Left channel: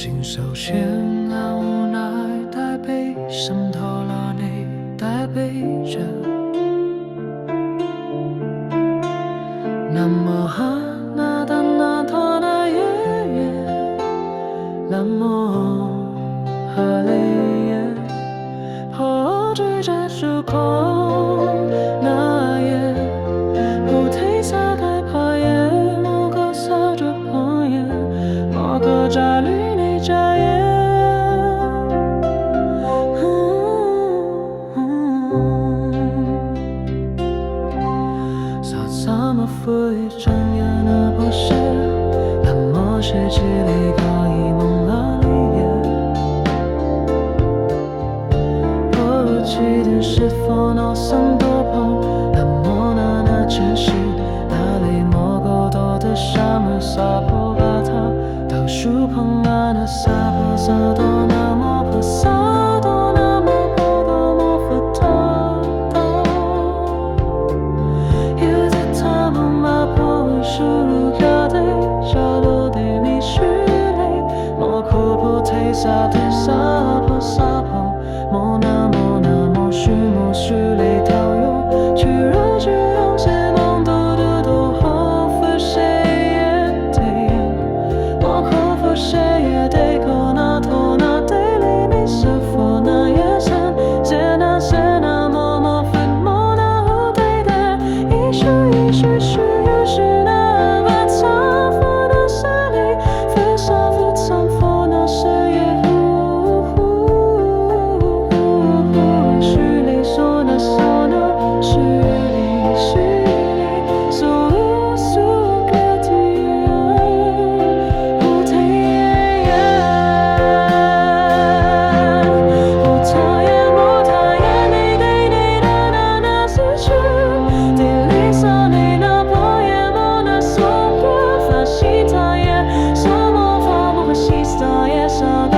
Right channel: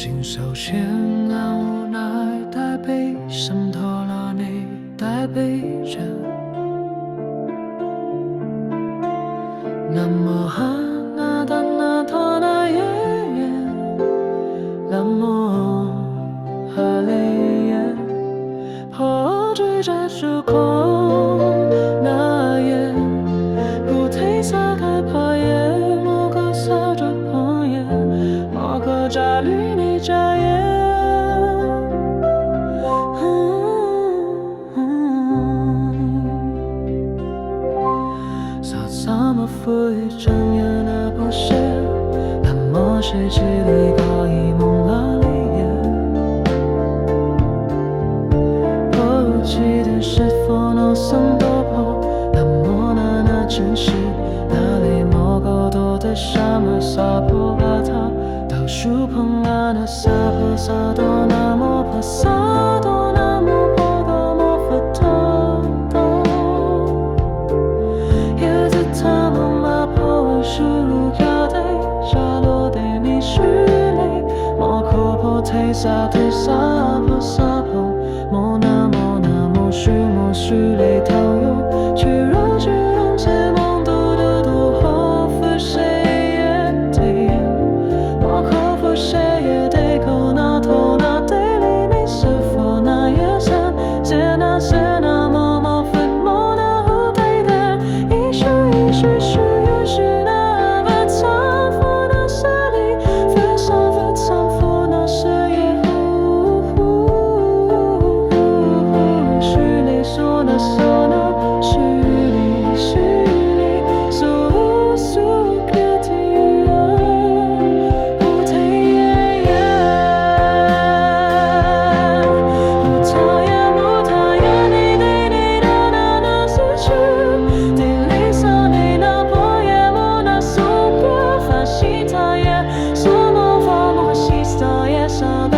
心手牵按无奈，带悲伤拖拉你，带背着。那么哈那达那托那耶耶，那么哈雷耶，破坠在虚空那耶，不退撒开怕耶，莫个撒着朋耶，莫个扎绿内扎耶。Sama vui chẳng nhớ na bố sẽ làm mơ sẽ chỉ lý có ý mong là lý bố chỉ đến sẽ phó nó sẵn đô bố làm mơ na na chân sĩ đã lý mô gô đô đô xa mơ xa bố gà thả đào shú phong ngà na xa bố xa đô na mô bố xa đô na mô bố đô mô phật thơ破输入家的沙罗的迷失泪，莫可破退撒退撒破撒破，莫那莫须泪掏用，去若去用些梦多的多后复谁也得演，莫可复谁也得可那托那得里没是否那也san，谢那莫分莫那后背的，一时是。是那把丈夫那是里，分手分丈夫那是也是里说那说那是里说苏格提不太也不太也。西塔也，说魔法魔法西塔也，上。